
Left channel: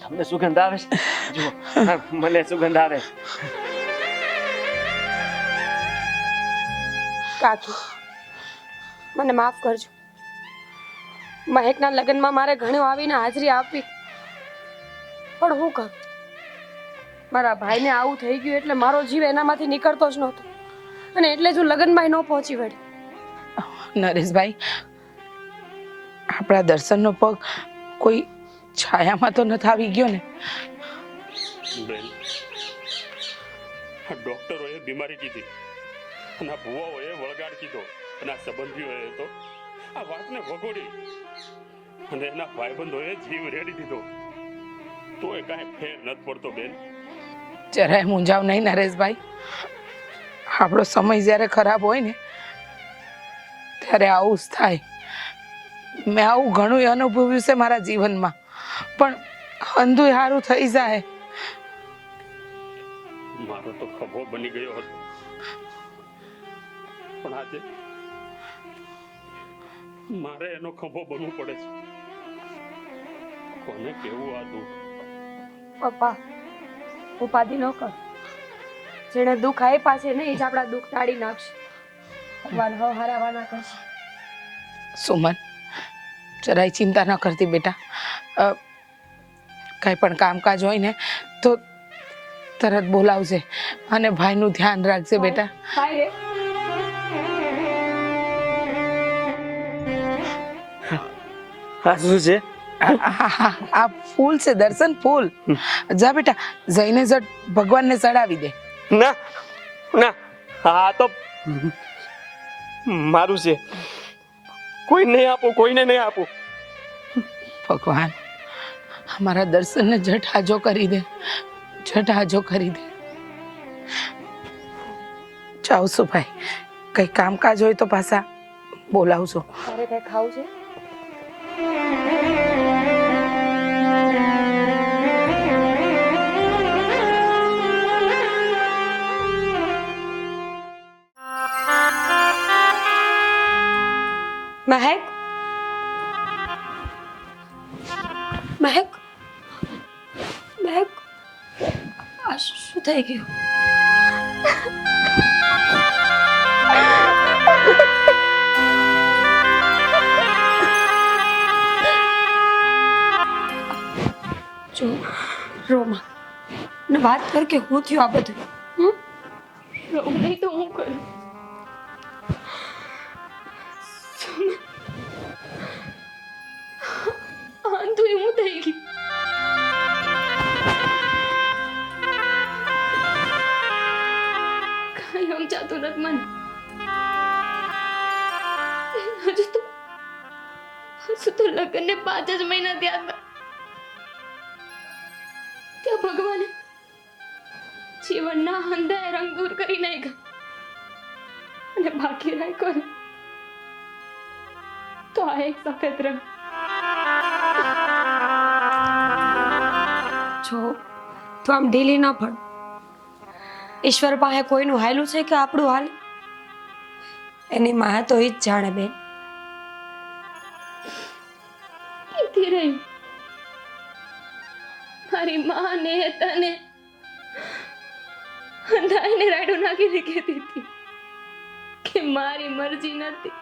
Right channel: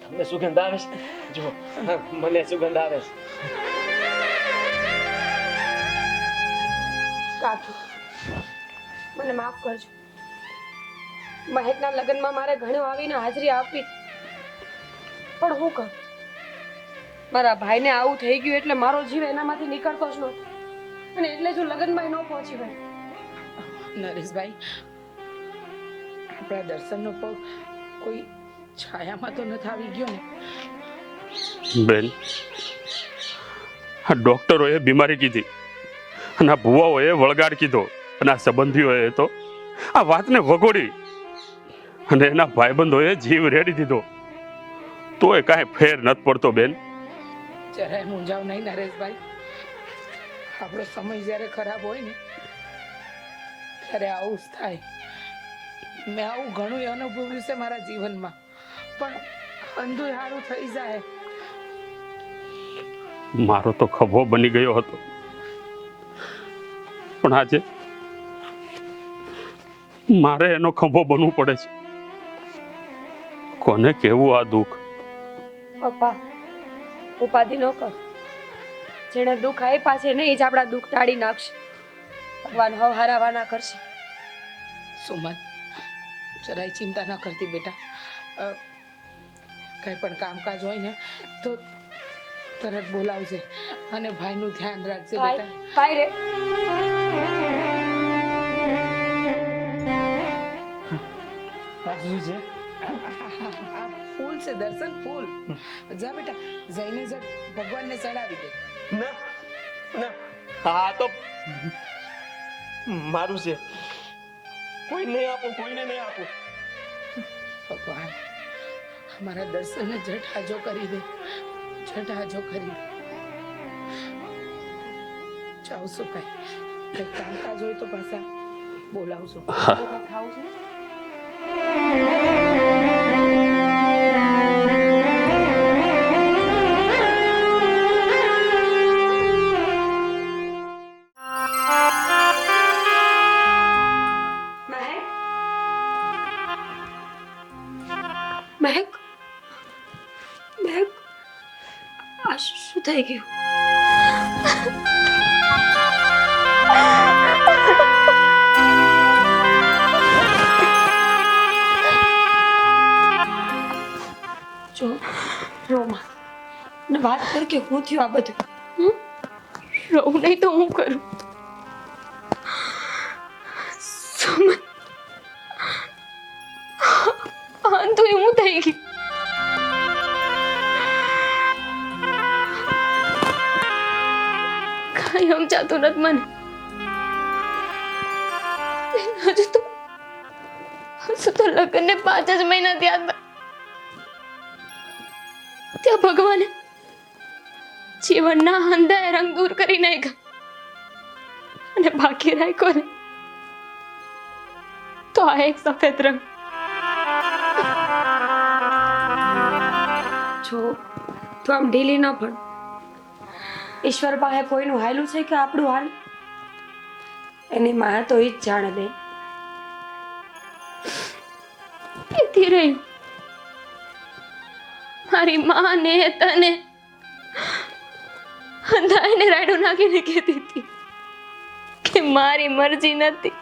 તમને સુગંધ આવે છે? જુઓ, મને સુગંધ આવે છે. કાકી, મને માફ કરજો. મહેકના લગ્નમાં મારે ઘણું આવીને હાજરી આપી, પણ હું કરું? મારા ભાઈને આવું થઈ ગયું એટલે મારો જીવ એનામાંથી નીકળતો જ નહોતો, અને એટલે જ હું લગ્નમાં ન પહોંચી વળી. નરેશભાઈ, આપણા દર્શનનો પગ કોઈ છાયામાં તો નથી આવી ગયો ને? બેન, આ ડોક્ટરોએ બીમારી કીધી અને આ ભુવાઓએ વળગાડ કીધો અને આ સંબંધીઓએ તો આ વાતને વગોડી અને એના ભાઈબંધોએ જીવ રેડી દીધો, તોય કાંઈ ફેર નથી પડતો. બેન, જરાય મૂંઝાવ નહીં નરેશભાઈ. આપણો સમય જ્યારે ખરાબ હોય ને ત્યારે આવું જ થાય. મેં આવું ઘણું અનુભવ્યું છે મારા જીવનમાં, પણ અંધુય સારું થઈ જાય. મારો તો ખભો બની ગયો હતો, પણ આજે મારે એનો ખભો બનવું પડે છે. કોને કેવું આ દુઃખ? પપ્પા, ઉપાધિ ન કર. જેને દુઃખ આપ્યા છે ને એ જ આપણા દુઃખ ટાળી નાખશે. ભગવાન હવે હારાવાના કરશે. સુમન, જરાય ચિંતા ન કરતી બેટા. કંઈ પણ કામકાજ હોય ને તો તરત બોલાવજે અને ભાઈનું ધ્યાન રાખજે બેટા. હાય રે. આ શું છે? આ ફૂલ છે દર્શન, ફૂલ. જા બેટા, જઈને જ ભગવાનને ચડાવી દે. ના ના, આ તો મારું છે. કોઈ નહીં આપો, કોઈને નહીં આપો. ભગવાન, અમારા દર્શનને ઝટ હાજો કરી દે, ઝટ હાજો કરી દે. જાઉં છું ભાઈ, કંઈ કામકાજ હોય તો પાછા બોલાવજો. હવે કંઈ ખાવું છે? મહેક, મહેક, મહેક, આ શું થઈ ગયું? જો રોમા ને વાત કર કે હું થયું આ બધું. રહું નહીં તો હું કરું? સુમન, તો હું થઈ ગઈ. કાંઈ સમજાતું નથી મને. હજુ તો લગ્નને 5 જ મહિના થયા હતા. ત્યાં ભગવાને જીવનના અંધાએ રંગ દૂર કરી નાખ્યા અને બાકી રાખ્યો ને તો આ એક સફેદ રંગ. જો તો આમ ઢીલી ન પડ. ઈશ્વર પાસે કોઈનું હાલું છે કે આપણું હાલ? એની માં તો ઈ જ જાણે બે. કેતી રહી મારી માં ને તને અંધાઈને રાડું નાખીને કહેતી હતી કે મારી મરજી નથી,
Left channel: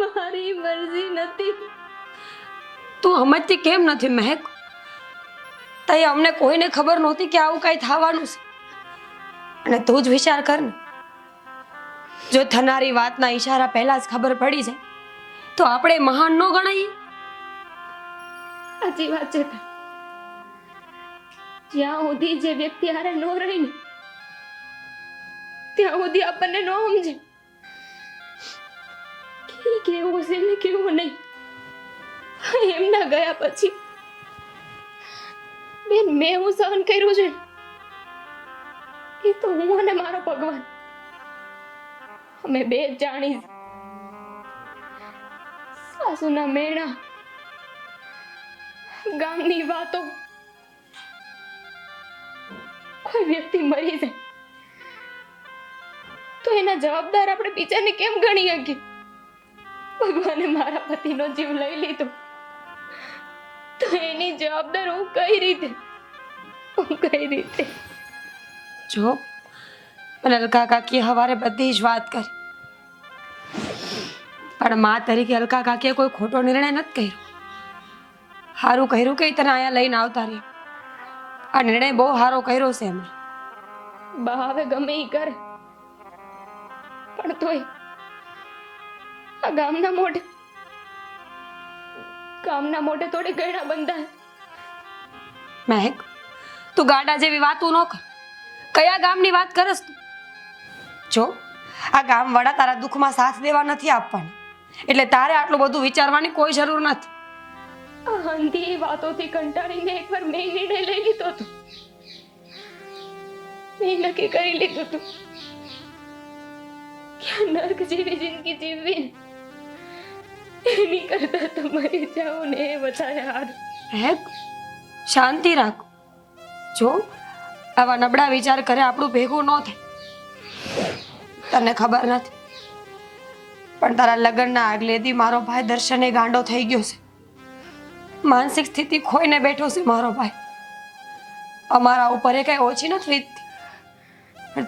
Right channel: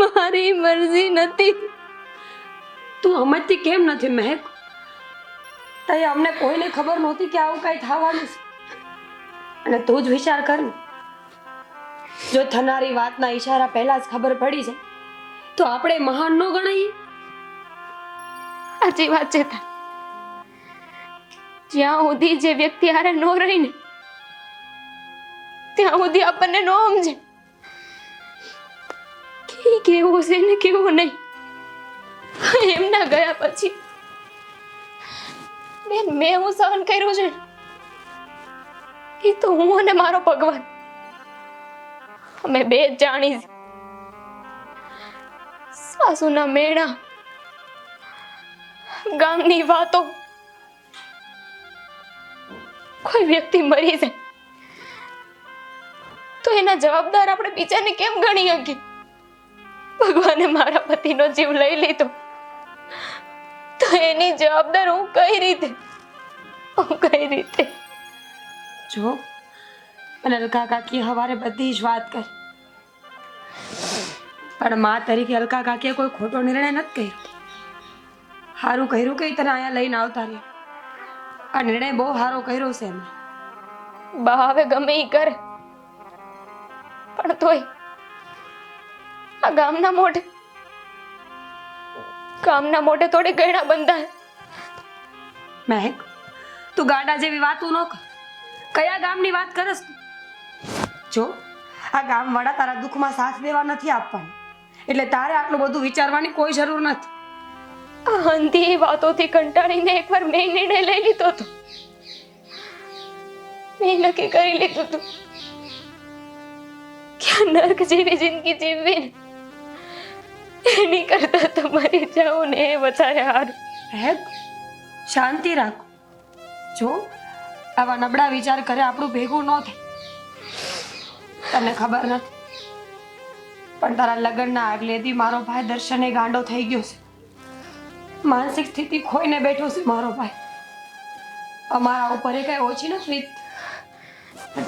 મારી મરજી નથી. તું સમજતી કેમ નથી મહેક? તઈ અમને કોઈને ખબર નહોતી કે આવું કાંઈ થવાનું છે. અને તું જ વિચાર કર ને, જો થનારી વાતના ઈશારા પહેલા જ ખબર પડી જાય તો આપણે મહાન ન ગણાઈએ. સાચી વાત છે તારી. જ્યાં સુધી જે વ્યક્તિ હારે ન રહીને ત્યાં સુધી આપણને ન સમજે કે કેવું છે ને કેવું નહીં. એમના ગયા પછી બેન મેં હું સહન કર્યું છે એ તો હું અને મારો ભગવાન અમે બે જ જાણી છે. સાસુના મેણા, ગામની વાતો, કોઈ વ્યક્તિ મરી જાય તો એના જવાબદાર આપણે બીજાને કેમ ગણી શકીએ? ભગવાને મારા પતિનો જીવ લઈ લીધો તો એની જવાબદાર હું કઈ રીતે? જો અને અલકા કાકી હવારે બધી જ વાત કરી, પણ મા તરીકે અલકા કાકીએ કોઈ ખોટો નિર્ણય નથી કર્યો. સારું કર્યું કે ઈ તને અહીંયા લઈને આવતા રહ્યા. આ નિર્ણય બહુ સારો કર્યો છે એમણે. બા હવે ગમે ઈ કરે પણ તોય આ ગામના મોઢે થોડી ગયડા બંધાય. મહેક, તું ગાડા જેવી વાતો ન કર. કયા ગામની વાત કરસ તું? જો આ ગામવાળા તારા દુઃખમાં સાથ દેવા નથી આપવાના, એટલે તારે આટલું બધું વિચારવાની કોઈ જરૂર નથી. આ અંધી વાતોથી કંટાળીને એકવાર મેં નિર્ણય લઈ લીધો હતો. મેં નક્કી કરી લીધું હતું કે આ નર્ક જેવી જિંદગી જીવવી ને એની કરતા તમારી જાઓ ને એ વધારે હારું. મહેક, શાંતિ રાખ. જો આવા નબળા વિચાર કરે આપણું ભેગું ન થાય. તને ખબર નથી પણ તારા લગ્નના આગલે દી મારો ભાઈ દર્શને ગાંડો થઈ ગયો છે. માનસિક સ્થિતિ ખોઈને બેઠો છે મારો ભાઈ. અમારા ઉપર એ કઈ ઓછી નથી લીધી.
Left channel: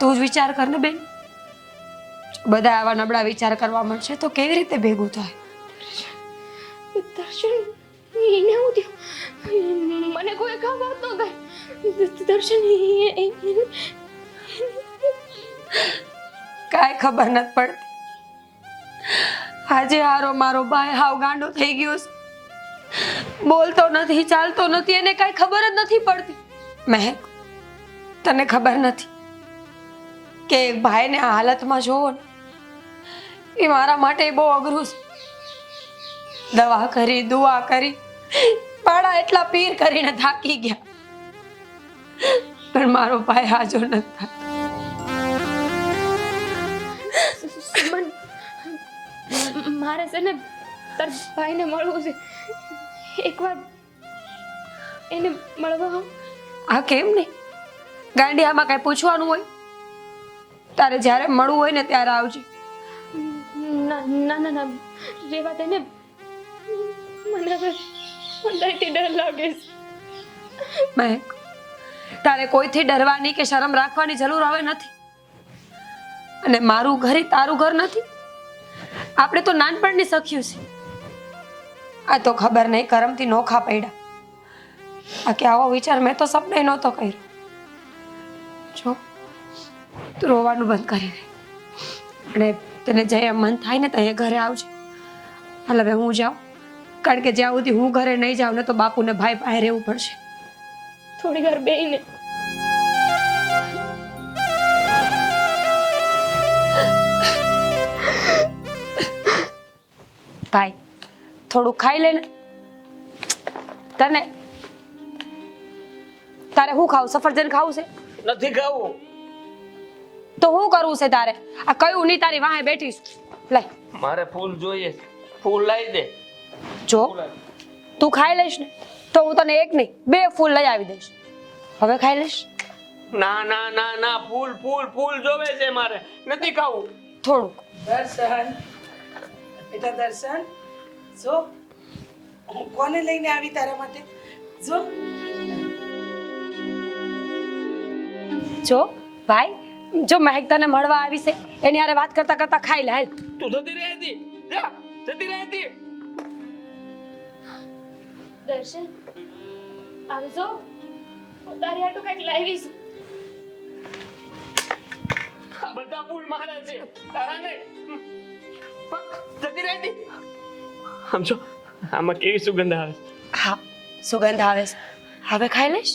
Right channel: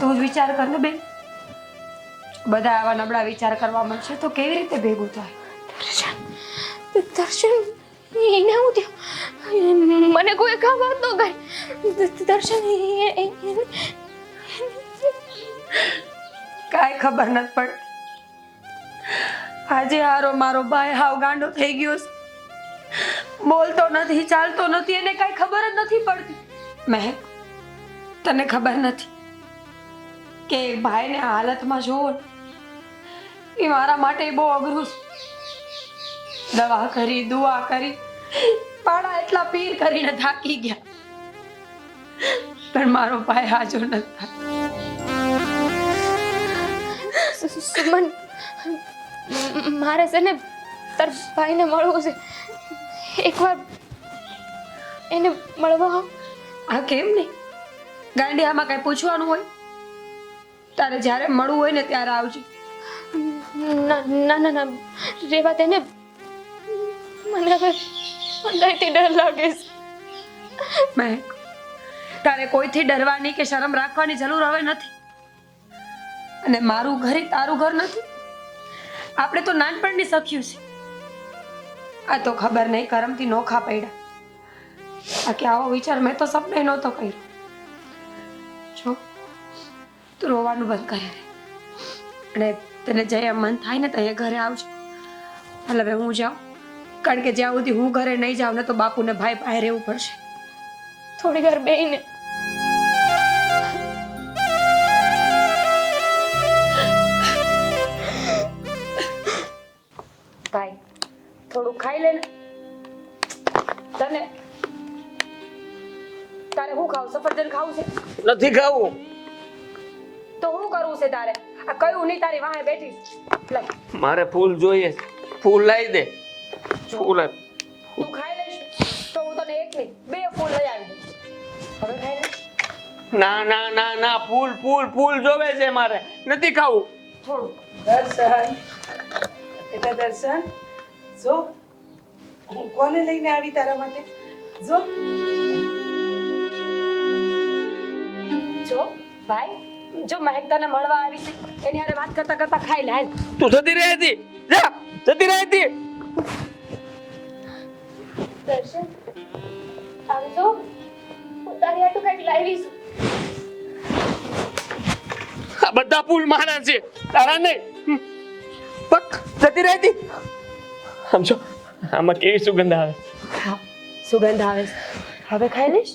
તું જ વિચાર કર ને બેન, બધા આવા નબળા વિચાર કરવા મળશે તો કેવી રીતે ભેગું થાય? દર્શન એને હું થયું? મને કોઈ ખબર તો ગઈ. દર્શન કાંઈ ખબર નથી પડતી. આજે હારો મારો ભાઈ હાવ ગાંડો થઈ ગયો છે. બોલતો નથી, ચાલતો નથી, એને કાંઈ ખબર જ નથી પડતી. મહેક, તને ખબર નથી કે એક ભાઈને આ હાલતમાં જોવો ને એ મારા માટે બહુ અઘરું છે. દવા કરી, દુઆ કરી, પાડા એટલા પીર કરીને થાકી ગયા, પણ મારો ભાઈ હાજર નથી. સુમન, મારે છે ને તાર ભાઈને મળવું છે. એકવાર એને મળવા આવ. આ કેમ નહીં? ગાંડી, આમાં કઈ પૂછવાનું હોય? તારે જ્યારે મળવું હોય ને ત્યારે આવજે. ના રેવા દે ને. મને હવે અંદરથી ડર લાગે છે. મહેક, તારે કોઈથી ડરવાની કે શરમ રાખવાની જરૂર હવે નથી. અને મારું ઘર એ તારું ઘર નથી. આપણે તો નાનપણની સખ્યું છે. આ તો ખબર નહીં કરમથી નોખા પડ્યા. બાકી આવો વિચાર મેં તો સપને નહોતો કર્યો. જો તું રોવાનું બંધ કરી દે અને તને જ્યારે મન થાય ને ત્યારે ઘરે આવજો. હાલ હવે હું જાઉં, કારણ કે જ્યાં સુધી હું ઘરે નહીં જાઉં ને તો બાપુને ભાઈ પાસે રહેવું પડશે. થોડી વાર બેહીને. ભાઈ થોડું ખાઈ લે ને. તારે શું ખાવું? સફરજન ખાવું છે? નથી ખાવું. તો શું કરવું છે તારે? આ કયું નહીં તારી વાહે બેઠી છું. લાય, મારે ફૂલ જોઈએ. ફૂલ લાવી દે. જો ફૂલ આપ. તું ખાઈ લઈશ ને તો હું તને એક નહીં 2 ફૂલ લઈ આવી દઈશ. હવે ખાઈ લઈશ? ના ના ના ના, ફૂલ ફૂલ ફૂલ જોવે છે મારે. નથી ખાવું. થોડુંક. દર્શન, બેટા દર્શન, જો હું કોને લઈને આવી તારા માટે? જો જો ભાઈ, જો મહેક તને મળવા આવી છે એની હારે વાત કરતા કરતા ખાઈ લે. હાલ. તું જતી રહી હતી. જા, જતી રહી હતી. દર્શન આવજો હું તારી આટું કંઈક લાવીશ. આ બધા ફૂલ મારા છે, તારા નહીં. પક જતી રહેતી. આમ જો આમાં કેવી સુગંધ આવે. હા સુગંધ આવે છે. હવે ખાઈ લઈશ.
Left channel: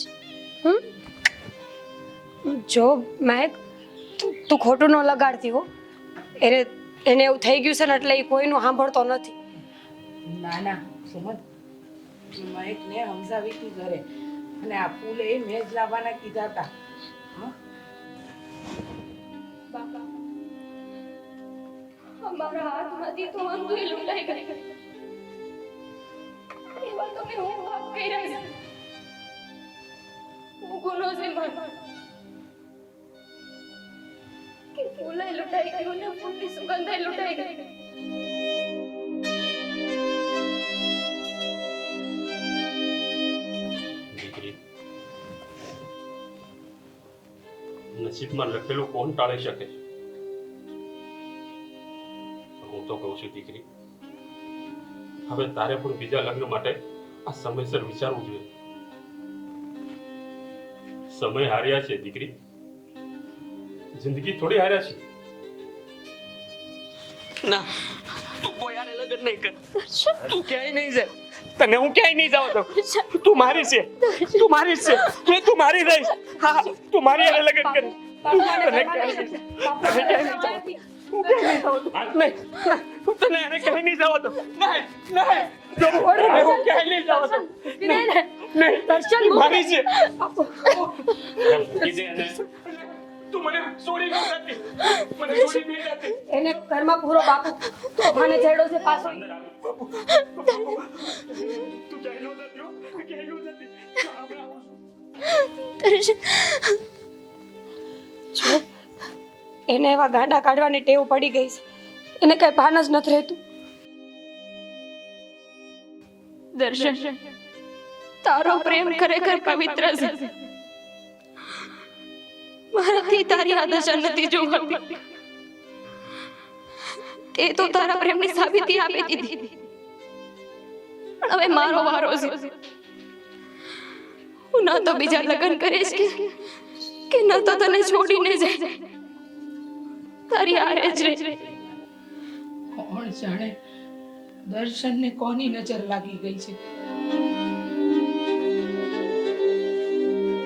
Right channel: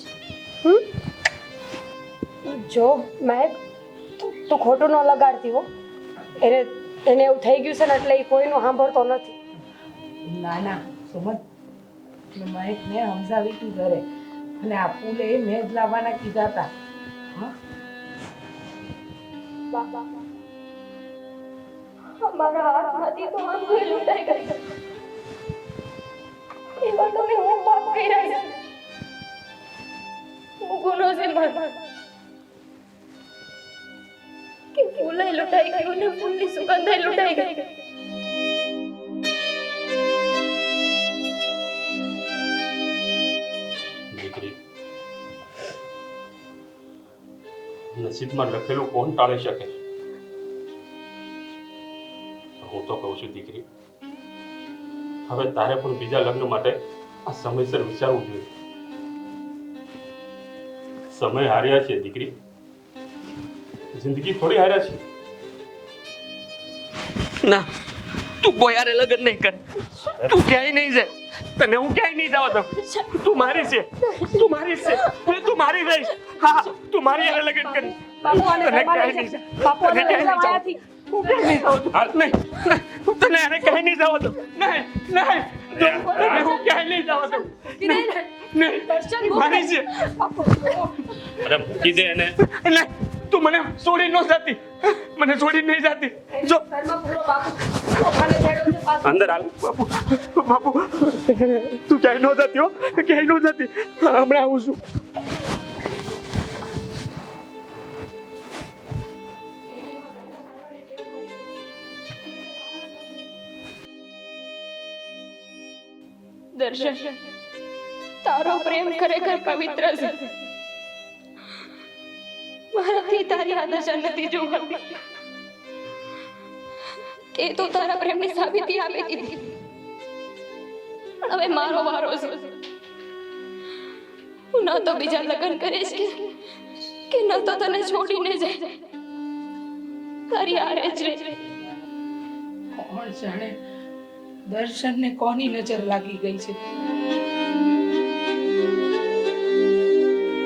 જો મહેક, તું ખોટું ન લગાડતી હો. એને એવું થઈ ગયું છે ને એટલે એ કોઈનું સાંભળતો નથી. ના ના સુમન, મહેકને સમજાવી તું ઘરે, અને આ ફૂલે મેં જ લાવવાના કીધા હતા. હં? બાપા અમારા હાથમાંથી તો આંગળી લૂંટાઈ ગઈ. એમાં તમે હું પાપ કર્યા છે. હું ગુનો છે મારો કે ફૂલે લૂંટાઈ ગયું ને ફૂલની સુગંધે લૂંટાઈ ગઈ. દીકરી, નસીબમાં લખેલું કોણ ટાળી શકે? હું તો કહું છું દીકરી, હવે તારે પણ બીજા લગ્ન માટે આ સમયસર વિચારવું જોઈએ. સમય હાર્યા છે દીકરી, જિંદગી થોડી હાર્યા છે. ના, તું કોઈ હારે લગ્ન નહીં કર. તું ક્યાંય નહીં જાય. તને હું ક્યાંય નહીં જવા દઉં. તું મારી છે, તું મારી છે, તું મારી રહીશ. હા, તું મારી હારે લગ્ન કર. બાપુ આને તને ઘરમાં ક્યાંય લઈ નહીં જા. બાપુ તને ક્યાંય નહીં જવા દઉં. હાલ. નહીં, તને હારે ક્યાંય નહીં જવા દઉં. નહીં, નહીં. તને હું ક્યાંય નહીં જવા દઉં. નહીં, મારી છે. અરે મૂકી દે એને. નહીં, તું મને છોડી ન જતી. મને છોડી નહીં જતી. એને જો ઘરમાં પૂરો બાપુ મને છેડો છે પાછો. અંદર હાલ. બાપુ, બાપુ, તું ક્યાંય ન જતી હો, ક્યાંય ન જતી. હમણાં આવું છું. જો એને એવા ગાંડા કાઢવાની ટેવ પડી ગઈ છે. એને કઈ ભાન જ નથી રહેતું. દર્શન તારો પ્રેમ ખરેખર પવિત્ર છે. મારાથી તારી આદર્શન નથી જોવાતી. તે તો તારા પ્રેમની સાબિતી આપી દીધી. હવે મારો વારો છે. હું ના તો બીજા લગ્ન કરીશ કે ના તો તને છોડીને જાય. તારી આરે જ રહે. કોણ જાણે દર્શનને કોની નજર લાગી ગઈ છે.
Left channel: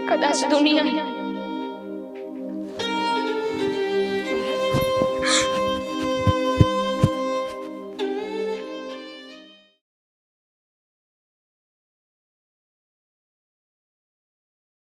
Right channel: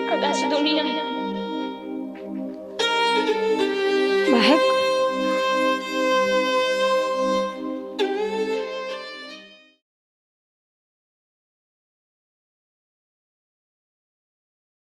કદાચ દુનિયા